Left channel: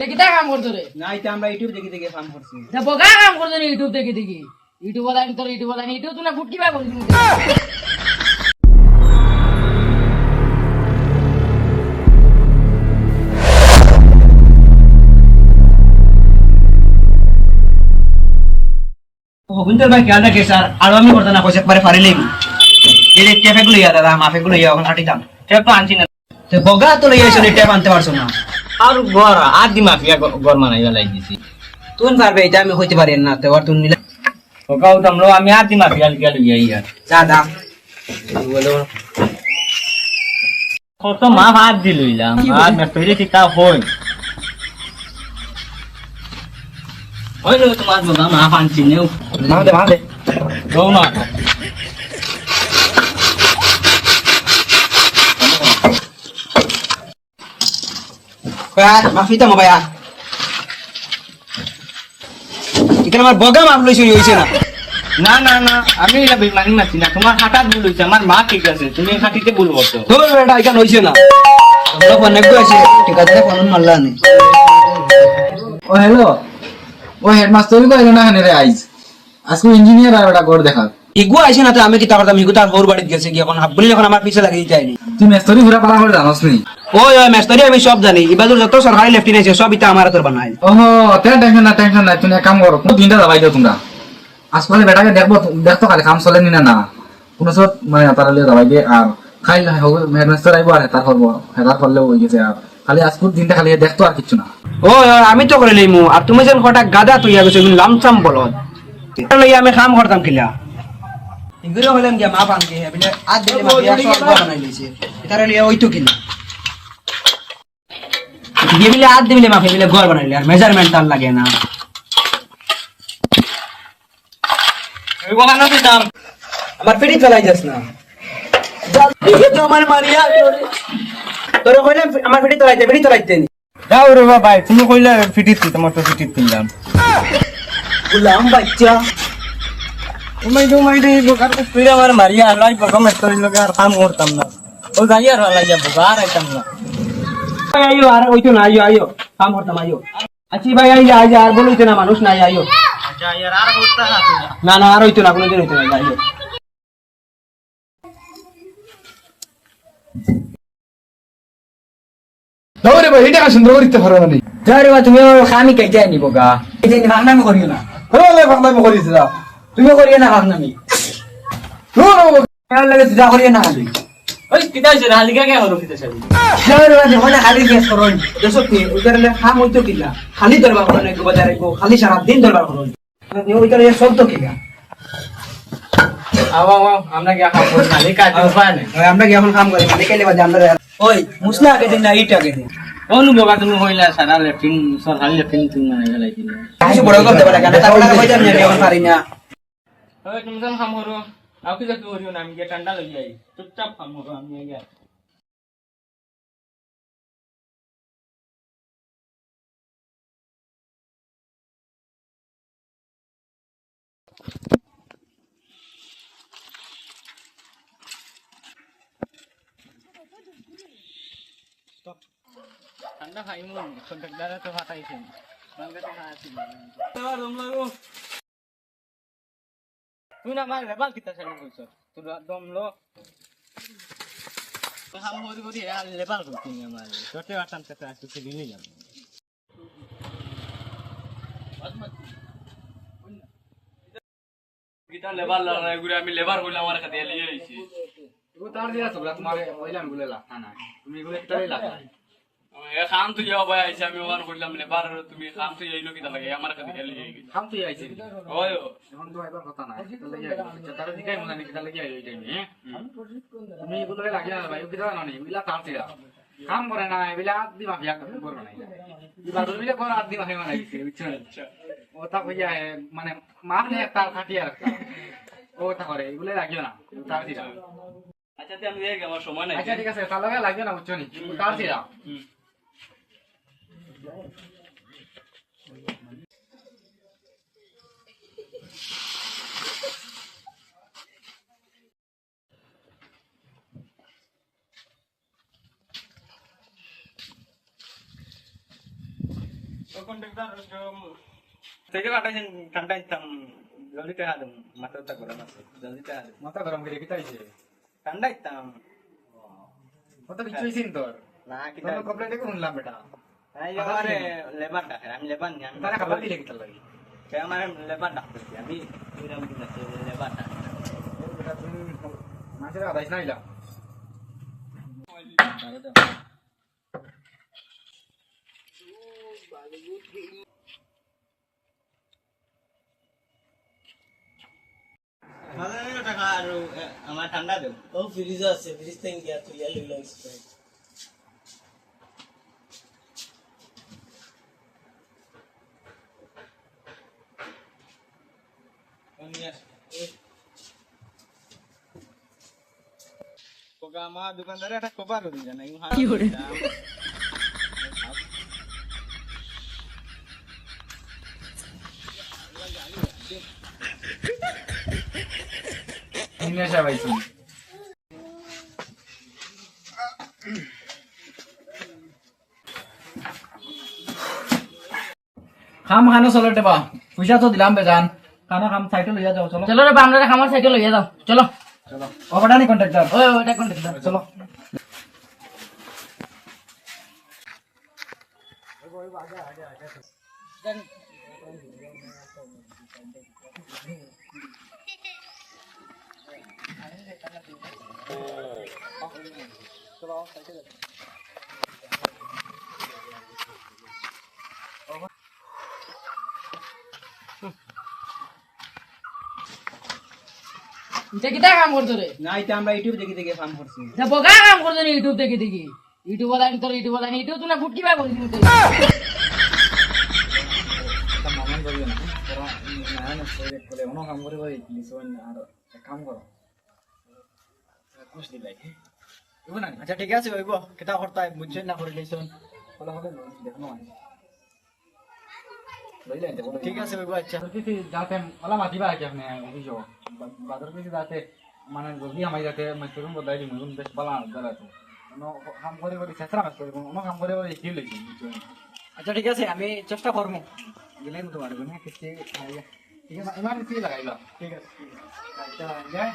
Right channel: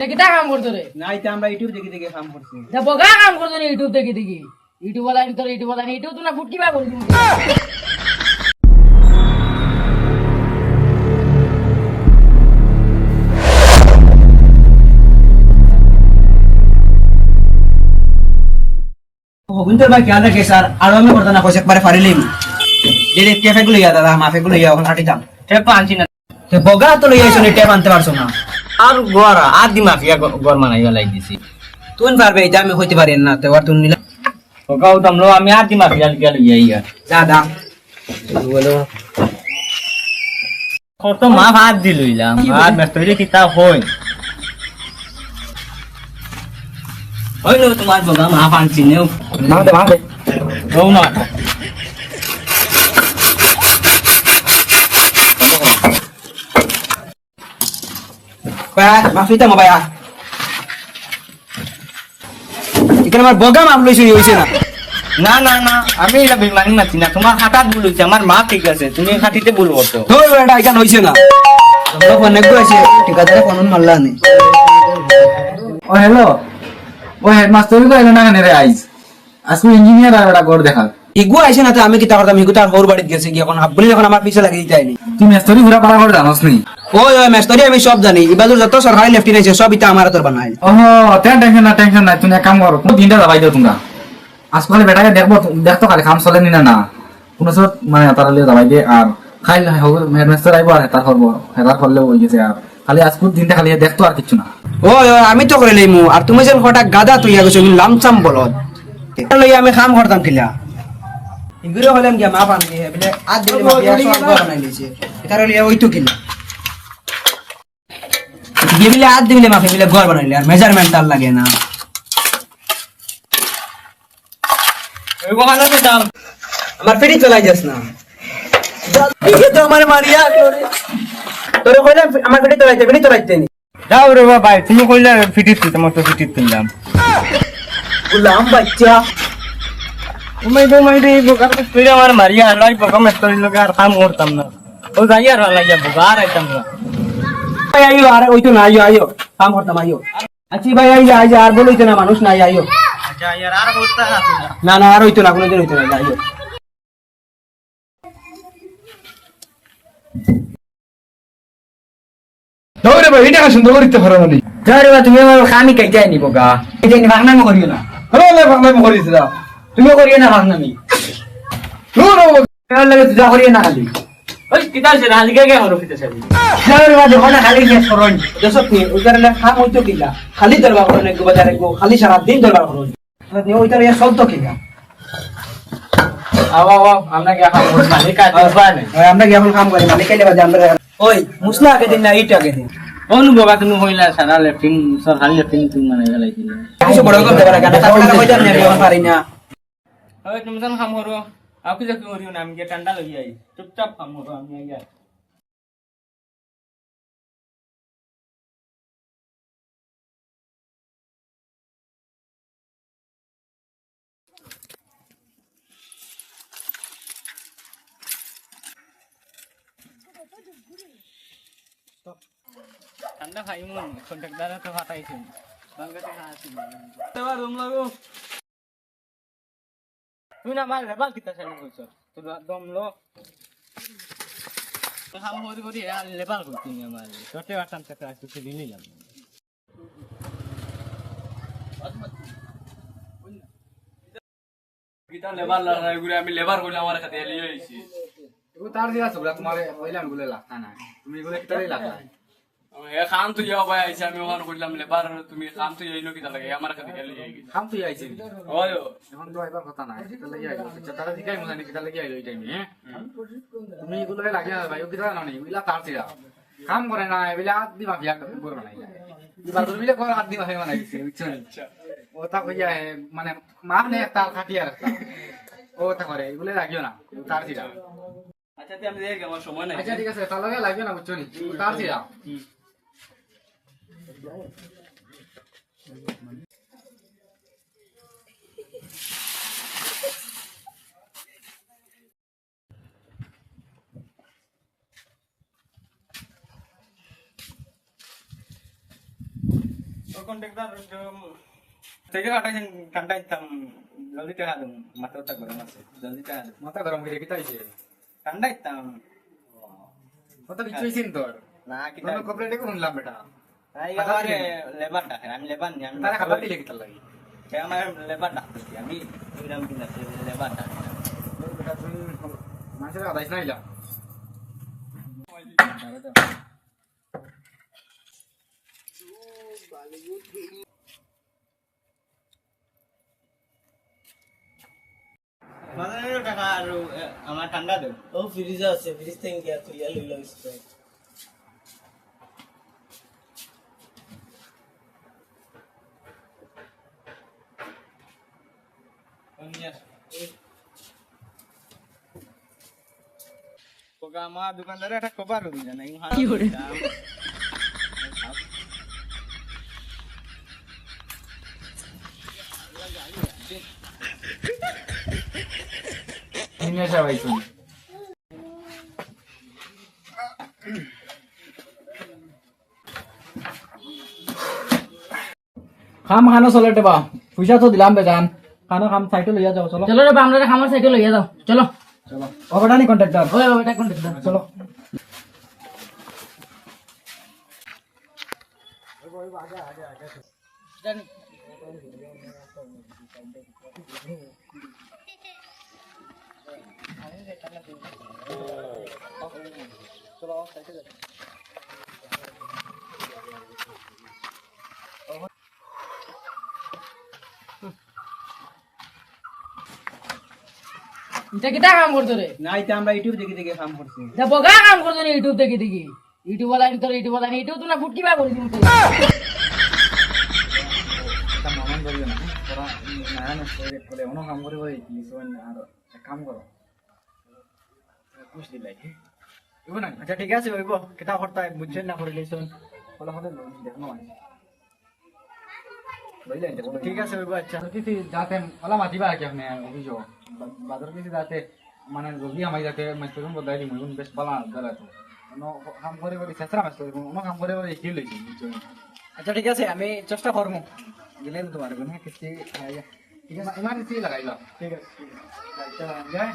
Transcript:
কিতা কাম করছো রে? না এটা আমরা ইউটিউব দেখে দেখে কাম করছি। বগা কাম করছো না ইউটিউব দেখি দেখি। ইউটিউব বালানি তোর ইউটিউব বালানি ইউটিউব তোরা ফুটকি বা করিস গোবিন্দর ভাই খেয়াল রাখে স্যার, আর আমি করতে না কইছে একবারে পারিলেই যে ক্যাফে গুলো ইয়া দাদা মাফে গুলো ইয়া এখন হাঁটিতাম টেপ তো আনছি না তো বগা তো লই আইছো নি টেপ আনতে পারছো না আর গড় আর দি মাফিয়া গড় মানাইবা লাই দিছি তুই পারবে এটা আমি হইতে পারি না তো আর তুমি মিলা ওকাও তামলো আমি আর দি মাফিয়া লিয়া লইয়া ইয়া দাদা বলো কত মা হাত দি লইলাম আর মেস্টরি কিতা হইলো তোমার বাবা মা ফানছি নেও না দে না দে রও না মাফি তো মোবাইল এখানে আমার বগা মাফ লইছি হইছে না না না না আমি এটা বেমানি মাছি না তোমার হাতাত ভুল হইছে আমার মা ঠিক আছে তুমি হাতিতে ভুল করছো তো ওটা এখানে হইছে না তোমরা ফোন নেগো আছে ঠিকাদারে ফোন মারলা নি ও হ্যালো ও হেডমাস্টার কো এলো না কেন রে আইজ আজকে ইঞ্জিনিয়ার আর ওটা গড় দেখাল ইগু আইছে না তো আমি কিতা করতাম ইগু তার হোর বাড়িতে গেছে কি এখন আব্বুলি যখন আমার পিছে লাগিয়ে দিতে আইনি তুই মেস্তরি ঘুরা পাড়া করে জানোস নি ওই ওই মেস্তরি আমি সব জানি ইবাদুর যত সরকারি লেফটিন আছে সব ইতা আমার তোর বানাই ওহো টেনশন না তুমি এক কাম করো কোন দিনটা দাবাই দাও তোমরা আজকাল বেটাকে দেখতো খালি কাম চলে নি না কোনো সব মানে তারা লিয়ে দাবাই দিয়ে আর খাইল হেডমাস্টার আইবো আর হেতার করবো হেতার করলে হয়ে গেছে আর খালি আজকের দিনটা খালি দেখতো আর কিছু না ওই ওই আমি তো করে লইমু আর তুমি যেন কটা গাদা তুইয়া গেছো লামসাম বলদ এটা লইয়া আমি কাম করতাম কিলা ইগুরে হলাম গিয়া মা পান দিয়ে বলে আজ দিলে মা বিয়া সব বানাই লইছে এটা লইয়া ওই তো কিলা দিলে আজ দিলে মা ফেলে ঘর বানাইলে আর মেজারমেন্ট তার লাগে না ওই ওখানে দিতাম আমার পেটি চলাই যাস না দেখে তো আমার মারিয়া তোরে কইলাম আমার পেটি চলাইতে নি যাও রে বাবা তুমি কইলে ফিটিত তোমার তো ফিটিত কিনলাম গুলাম বাচ্চা তুমি বোকার পিড়ে আমার মারিয়া লাই বকা মেস্তরি লগে আর কাম করতাম না ও যাই আর লাগিয়া বোকা আর আইতাম না আইও আর ওই তো না আইও কাম করতাম আইও আচ্ছা ভাই আই যা আর বলইতে না মানুষ নাই আইও আচ্ছা ইয়ার আর করতে না না আর হইতো না কোনোদিন হইতো না আইও দৌড়ে ভাই এটা সুন্দর করতে পারো না যারে বা তুমি আমার খামি কাইতে আইনি বোকা এই যে ভাগনামি করিও না হলে ভাঙলে করিস না তুমিও করিও না ভাগনামি আর লাগে যা করিও না খালি ওই কিতা সে হালিকা কে হলো কিতা সাবি যারে বা যখন খালি গেস করন দেশত নি ওইটারে খাম হইতো কিলা খালি দরবার করন এক বাজারে গো খালি সারা দিন দরবার করন মানে ওইটারে সব তো কিলা আও আমরা কি কাম করব না কাজ পায় না আমরা কি এখন কাম করি মানে কাইলে বাজে আমরা ওই মুসলা আগে দিন না ইট আগে দিন অনু বোকা তুমি কইলা সারা লেফটিন সরকারি লেফটিন তুমি মানে গেলাই দিলা কিছু বড় করতে পারে কেন তারপরে কইতাম না এখন পারি না ওই তুমি যখন কাম করো আও কি যাকে করিও না আমি কে ঠান্ডা লই যাই চুপচাপ কাম করো আমি গিয়া ঠান্ডা খাই মন কন্ট্রাক্টর তো ফাটাইছে বাংলা তো খাইছি এবার রুম লাগো তুই না মার লেবাল কিতা চালু কইছ তোর দম লো কাম হরি হরি আর লেবাল কইছি আমার তোতে আসাম কাছে আসছে দিনই যাব গিতা লেবাল লড়াই করে আমি লেবার কইলাম আমার কাছে লিয়ে আইছি ও তার দিয়া সবলা তোমারে কইলাম বলে লাগতা না তুমি বলে কিটাই লাগলা এ খাম তুই যাও ভাই আইছি আমি ওখানে কইলাম লেবার তুমি খাম তুই আইলো কিতা লাগে আমার কাছে গেলি খাম তুই আইছে ওই এখন তো এবার কথা নাই কিটা লাগি আইলো আচ্ছা তারা দিকাই মজানি কিটা লাগি আইলো এই টাইমে তুমি এগুলো লাগিয়া ভাই ও কিটা জানি ওইলা তার দিয়া কাম করে না এবিলা আদি মাফিয়া করবে না এবার তুমি কো আদি মাফিয়া বানাই দিছে বুঝছো ও তা কইয়া মানে মার নে তার খাটিয়া রাখতা ও তা করে এগুলো লাগিও না তার দিয়া আচ্ছা তুই আমি দেখ আমার সময় নাই আচ্ছা ঠিক আছে তার লগে লাগিও না বুঝছো নি তার দিয়া কন্ট্রাক্টর তুই যে কাটাইছেন ঠান্ডা ইতাম জলদি টাকা দেব মাথাটা গরম আছে জলদি টাকা দেব মাথা গরম করে কিতাইছে ঠান্ডা ইতাম কত কিছু হইছিন তোর না কি কোনো কমপ্লেন্ট করে শুনলাম বেটা এই আমারে লেবার ডাকে আমি লেবার নি আমি তারা খাবার দিলে কিতা লাগি আমার লেবার ডাকতেছি আমি ওইরকম কিনা লেবার ডাক বেটা তুমি মানুষের আদাইস না ইলা টাকা আর আমার ঠান্ডা দেব ও ফ্রিজ আছে ফ্রিজ থেকে গিয়া তুই লইল স্প্রাইট আমার দোকানদারে একটা খবর দিল না কি করে? নিয়ে আসা ভাই শুন খাম খানো চলতে বা পয়সা তো দিলাম বেজান খানো খাম সাইকেল লইয়া যাও চলো চলো রে বাংলার খামার সাইকেল লইয়া যাও চলো অবদানি কন্ট্রাক্টর ওই ওইটা কোন চলো এটা কিটা কাম করছো রে না এটা আমরা ইউটিউব দেখে দেখে কাম করছি এটা বগা কাম করছো রে ইউটিউব দেখে দেখি ইউটিউব ওলা তোর ইউটিউব ওলা ইউটিউব তো না ফুটকি বা করে দিন তুই এটা মামান বলবে না তোরা নারায়ণ সরে বলে অন্য কাম করে বলে লিসন আর এক কাম করো খুশ দিলাই ইবো না আচ্ছা ঠিক আছে ওইব কেটা করতে বুঝছেন না করে লইছন বলে হলে দেখনো মানে বুঝলেন তো ঠিক আছে ওইব আচ্ছা কিছু যাতে ওলা মাতিবা কি আপনি অভিযোগ বাজার কিছু যাতে মানে জলদি আমায় যাতে মাস্টারুম বদলাই দিই মইগুন বেশ পালা দাঁড়া তো অন্য কাম করে করে চেষ্টা মাস্টার অন্য কাম করে করে কি লইছি বুঝছেন আচ্ছা ঠিক আছে আমি চেষ্টা করবো গেলে তোমার গুণ হ্যাঁ কিছু ঠিক আছে ইমার্জেন্সি লাগাইলা ঠিক আছে আচ্ছা যায়